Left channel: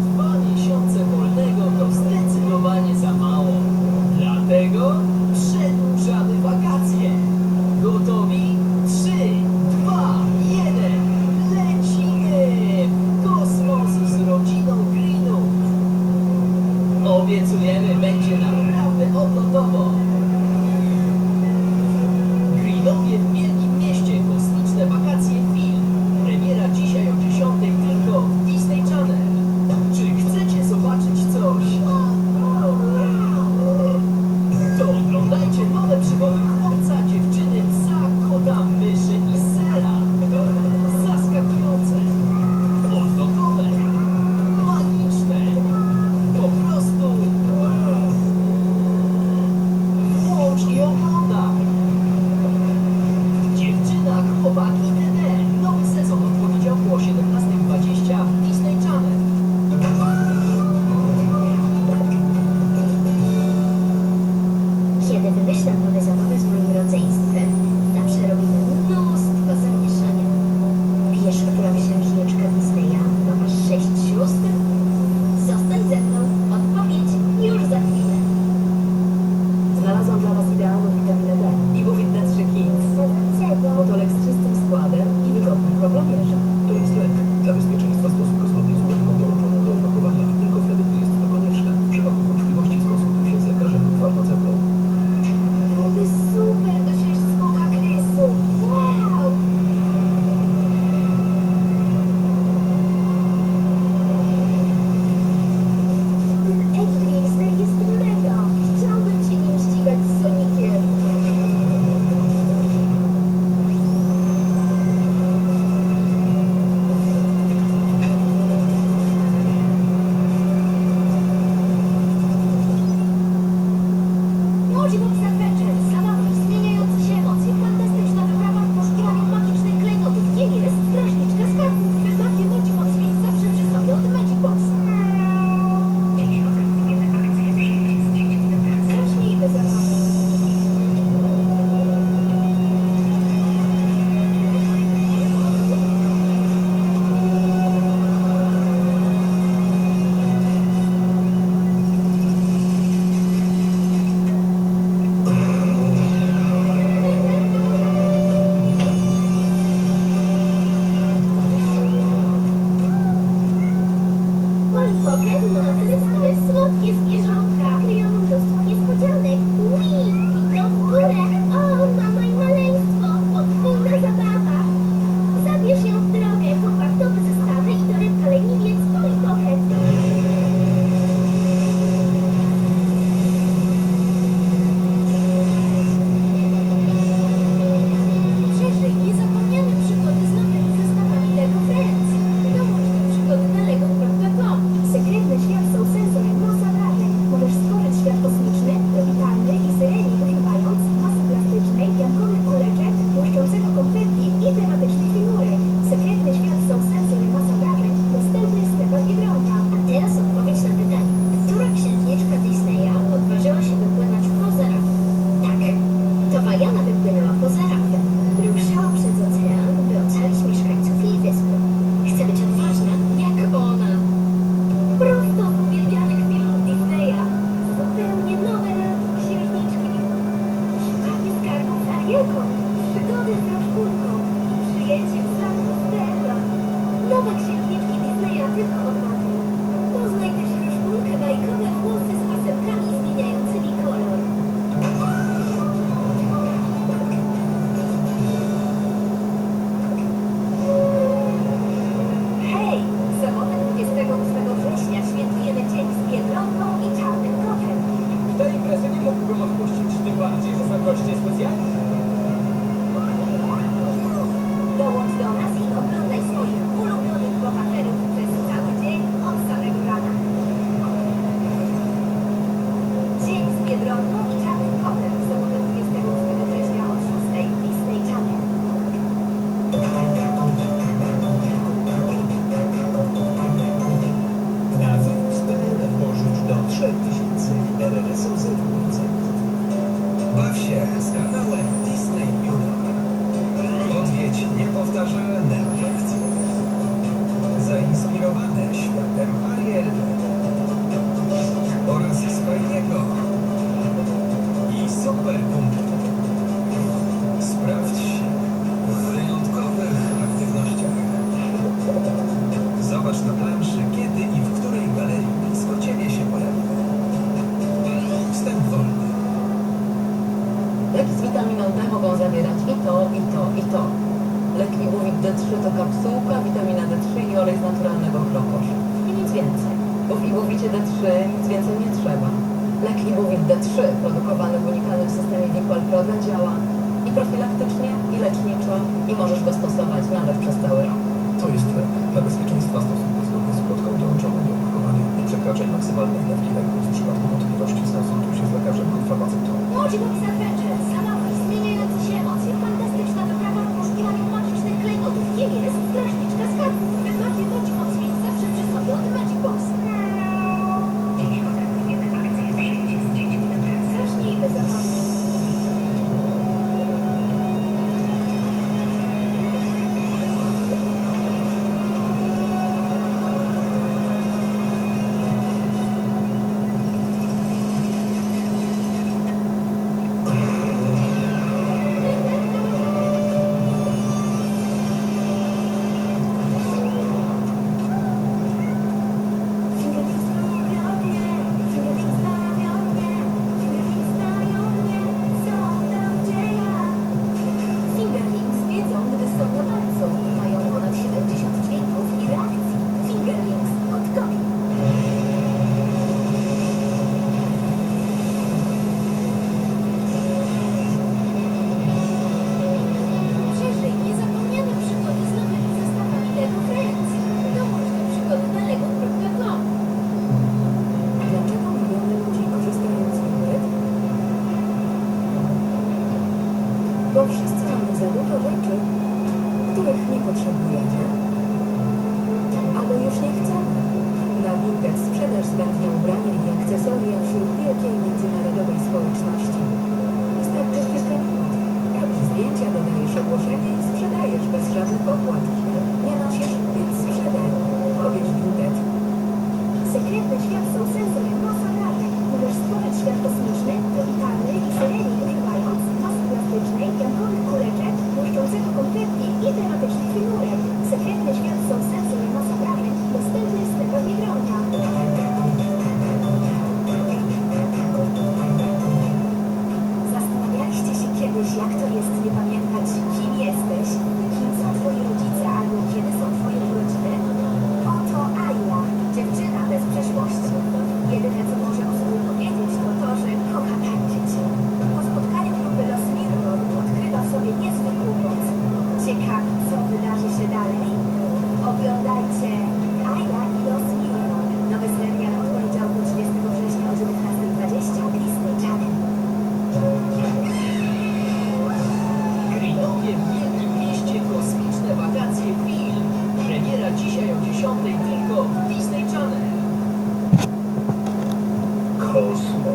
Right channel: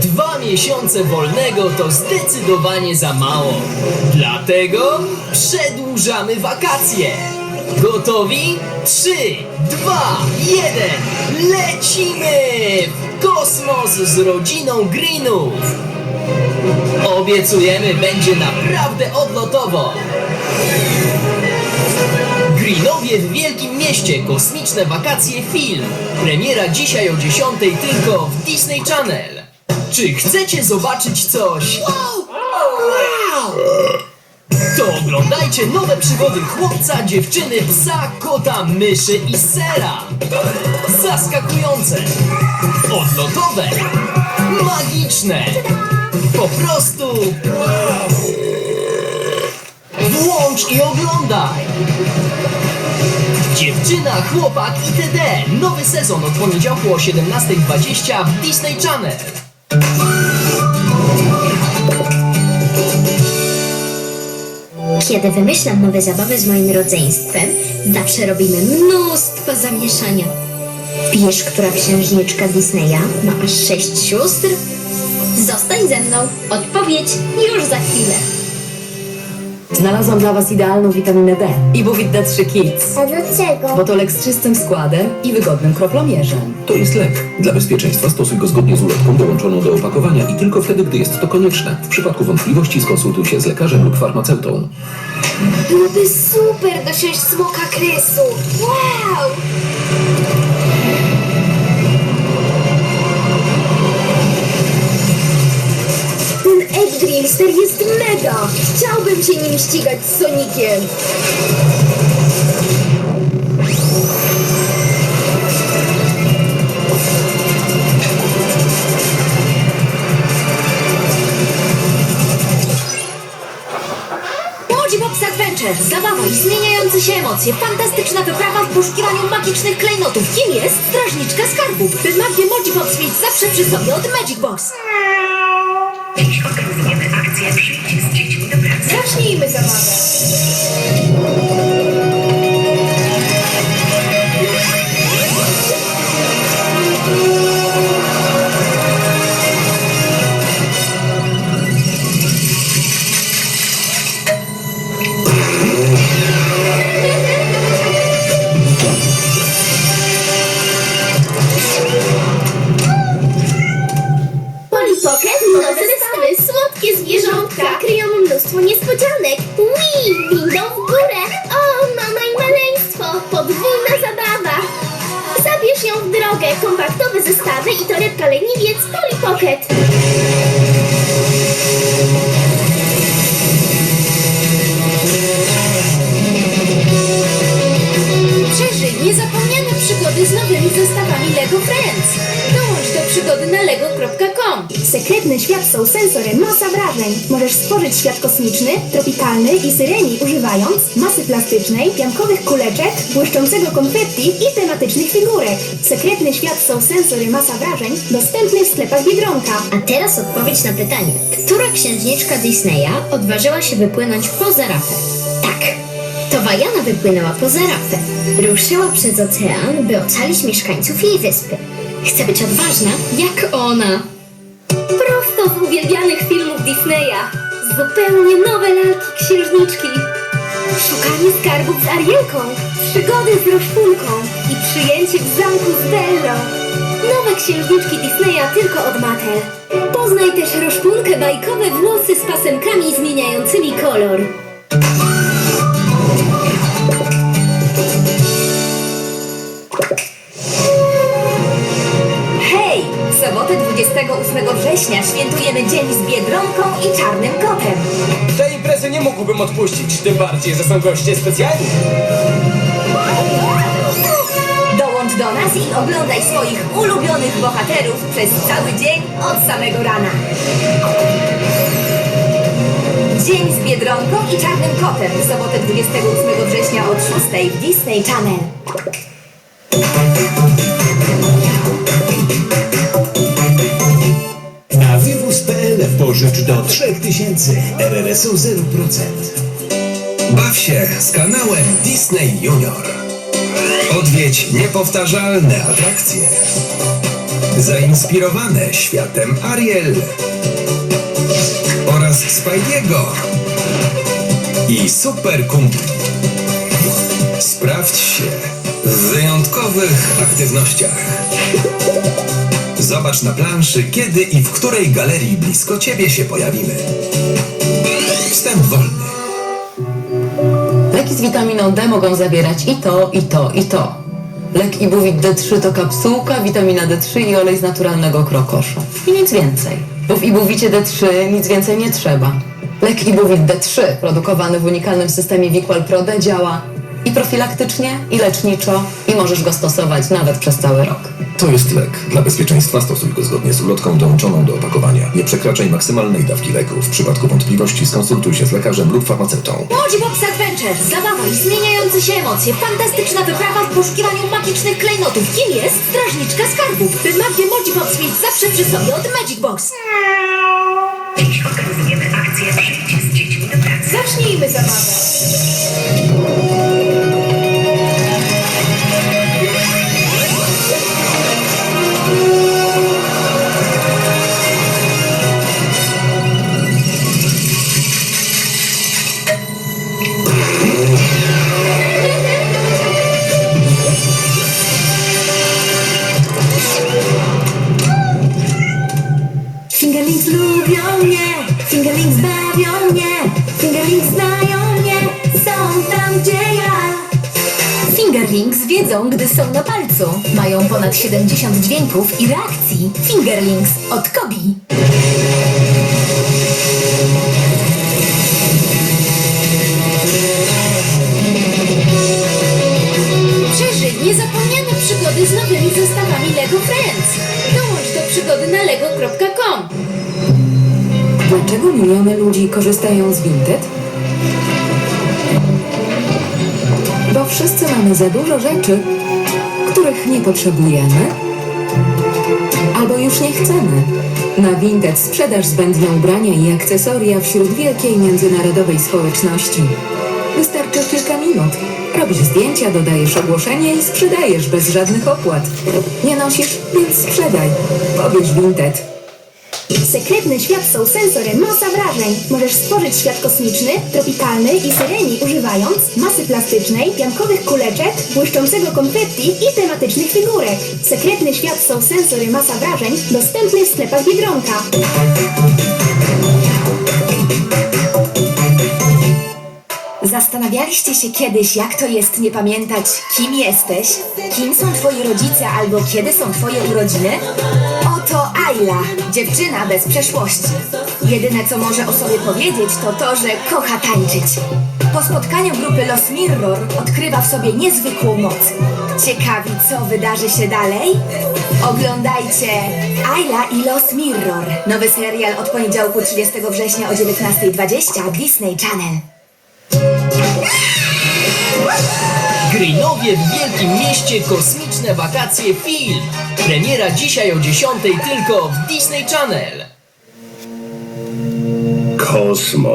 Dwa miesiące wolnego to zdecydowanie za mało. Dlatego przedłużamy wakacje. Gotowi? Trzy, dwa, jeden, lecimy w kosmos z rodziną Greenów. Obiecujemy, będzie naprawdę odlotowo. Greenowie w Wielkim Mieście. Kosmiczne wakacje film. Premiera dzisiaj o 10 tylko w Disney Channel. Czy chcecie zobaczyć coś? To oglądajcie nowe przygody chłopca, dziewczyny, psa, kota, myszy i sera. Zaskakujące, odlotowe, magiczne. Po prostu Dziewczyna, chłopak itd. Nowy sezon od poniedziałku o 17.20 w Disney Channel. Kiedy wymyślam nowe zabawy z moim rodzeństwem, zawsze robimy mnóstwo zamieszania. Wiesz, która księżniczka Disneya ma aż sześć sióstr? Zostań ze mną. Odpowiedź już za chwilę. Znalazłam dla Was idealną witaminę D. Ibuvit D3 Kids. A dlaczego? Bo to lek z czystym składem i wygodnym kroplomierzem. To jest lek. Dla bezpieczeństwa stosuj go zgodnie z ulotką dołączoną do opakowania i tylko wtedy, gdy jest to konieczne. W przypadku wątpliwości skonsultuj się z lekarzem lub farmaceutą. Byłoby super dosiąść smoka kresu. Wow! Ten Edge Dreamster jest mega! Chciałbym się nim ścigać z Sonikiem. Box Adventure. Zabawa i zmieniające się emocje. Fantastyczna wyprawa w poszukiwaniu magicznych klejnotów. Kim jest strażniczka skarbów? By magię Box mieć zawsze przy sobie od Magic Box. Dziś organizujemy akcję z dziećmi do pracy. Zacznijmy zabawę. Nowe zestawy, słodkie zwierzątka kryją mnóstwo niespodzianek. Ui, windą w górę. O, mama i maleństwo, podwójna zabawa. Zabierz ją w drogę, kompaktowe zestawy i torebka leniwiec Polly Pocket. Przeżyj niezapomniane przygody z nowymi zestawami LEGO Friends. Przygody na lego.com. Sekretny świat są sensorem, masa wrażeń. Możesz stworzyć świat kosmiczny, tropikalny i syreni używając masy plastycznej, piankowych kuleczek, błyszczącego konfetti i tematycznych figurek. Sekretny świat są sensory, masa wrażeń, dostępny w sklepach Biedronka. A teraz odpowiedź na pytanie. Która księżniczka Disneya odważyła się wypłynąć poza rafę? Tak, to Wajana wypłynęła poza rafę. Ruszyła przez ocean, by ocalić mieszkańców jej wyspy. Chce być odważna, jak ona. Prosto z uwielbianych filmów Disneya. Zupełnie nowe lalki księżniczki. Szukanie skarbów z Arielką. Przygody z Roszpunką. I przyjęcie w zamku z Bellą. Nowe księżniczki Disneya tylko od Mattel. Poznaj też Roszpunkę bajkowe włosy z pasemkami zmieniającymi kolor. W sobotę 28 września świętujemy Dzień z Biedronką i Czarnym Kotem. Tej imprezy nie mógłbym odpuścić, tym bardziej, że są goście specjalni. Dołącz do nas i oglądaj swoich ulubionych bohaterów przez cały dzień od samego rana. Dzień z Biedronką i Czarnym Kotem sobotę 28 września od 6 w Disney Channel. Pożycz do 3000 RRSU 0%. Baw się z kanałem Disney Junior. Odwiedź niepowtarzalne atrakcje. Zainspirowane światem Ariel oraz Spidey'ego i Super Kumpli. Sprawdź się w wyjątkowych aktywnościach. Zobacz na planszy, kiedy i w której galerii blisko Ciebie się pojawimy. Wstęp wolny. Leki z witaminą D mogą zawierać i to, i to, i to. Lek Ibuwit D3 to kapsułka, witamina D3 i olej z naturalnego krokoszu. I nic więcej. Bo w Ibuwicie D3 nic więcej nie trzeba. Lek Ibuwit D3, produkowany w unikalnym systemie Wiqual Prode, działa i profilaktycznie, i leczniczo, i możesz go stosować nawet przez cały rok. To jest lek. Dla bezpieczeństwa stosuj go zgodnie z ulotką dołączoną do opakowania. Nie przekraczaj maksymalnej dawki leku. W przypadku wątpliwości skonsultuj się z lekarzem lub farmaceutą. Box Adventure. Zabawa i zmieniające się emocje. Fantastyczna wyprawa w poszukiwaniu magicznych klejnotów. Kim jest strażniczka skarbów? By magię Box mieć zawsze przy sobie od Magic Box. Dziś organizujemy akcję Przyjdź z dziećmi do pracy. Zacznijmy zabawę. Fingerlings wiedzą, gdy są na palcu. Mają ponad 70 dźwięków i reakcji. Fingerlings od Kobi. Przeżyj niezapomniane przygody z nowymi zestawami LEGO Friends. Dołącz do przygody na lego.com. Dlaczego miliony ludzi korzystają z Vinted? Bo wszyscy mamy za dużo rzeczy, których nie potrzebujemy albo już nie chcemy. Na Vinted sprzedaż zbędne ubrania i akcesoria wśród wielkiej międzynarodowej społeczności. Wystarczy kilka minut. Robisz zdjęcia, dodajesz ogłoszenie i sprzedajesz bez żadnych opłat. Nie nosisz, więc sprzedaj. Pobierz Vinted. Sekretny świat są sensorem masa wrażeń. Możesz stworzyć świat kosmiczny, tropikalny i syreni używając masy plastycznej, piankowych kuleczek, błyszczącego konfetti i tematycznych figurek. Sekretny świat są sensory masa wrażeń dostępny w sklepach Biedronka. Zastanawialiście się kiedyś, jak to jest nie pamiętać, kim jesteś, kim są twoi rodzice albo kiedy są twoje urodziny? Oto Ayla, dziewczyna bez przeszłości. Jedyne, co może o sobie powiedzieć, to to, że kocha tańczyć. Po spotkaniu grupy Los Mirror odkrywa w sobie niezwykłą moc. Ciekawi, co wydarzy się dalej? Oglądajcie Ayla i Los Mirror. Nowy serial od poniedziałku 30 września o 19.20 Disney Channel. Greenowie w Wielkim Mieście Kosmiczne Wakacje Film. Premiera dzisiaj o 10 tylko w Disney Channel. Kosmos.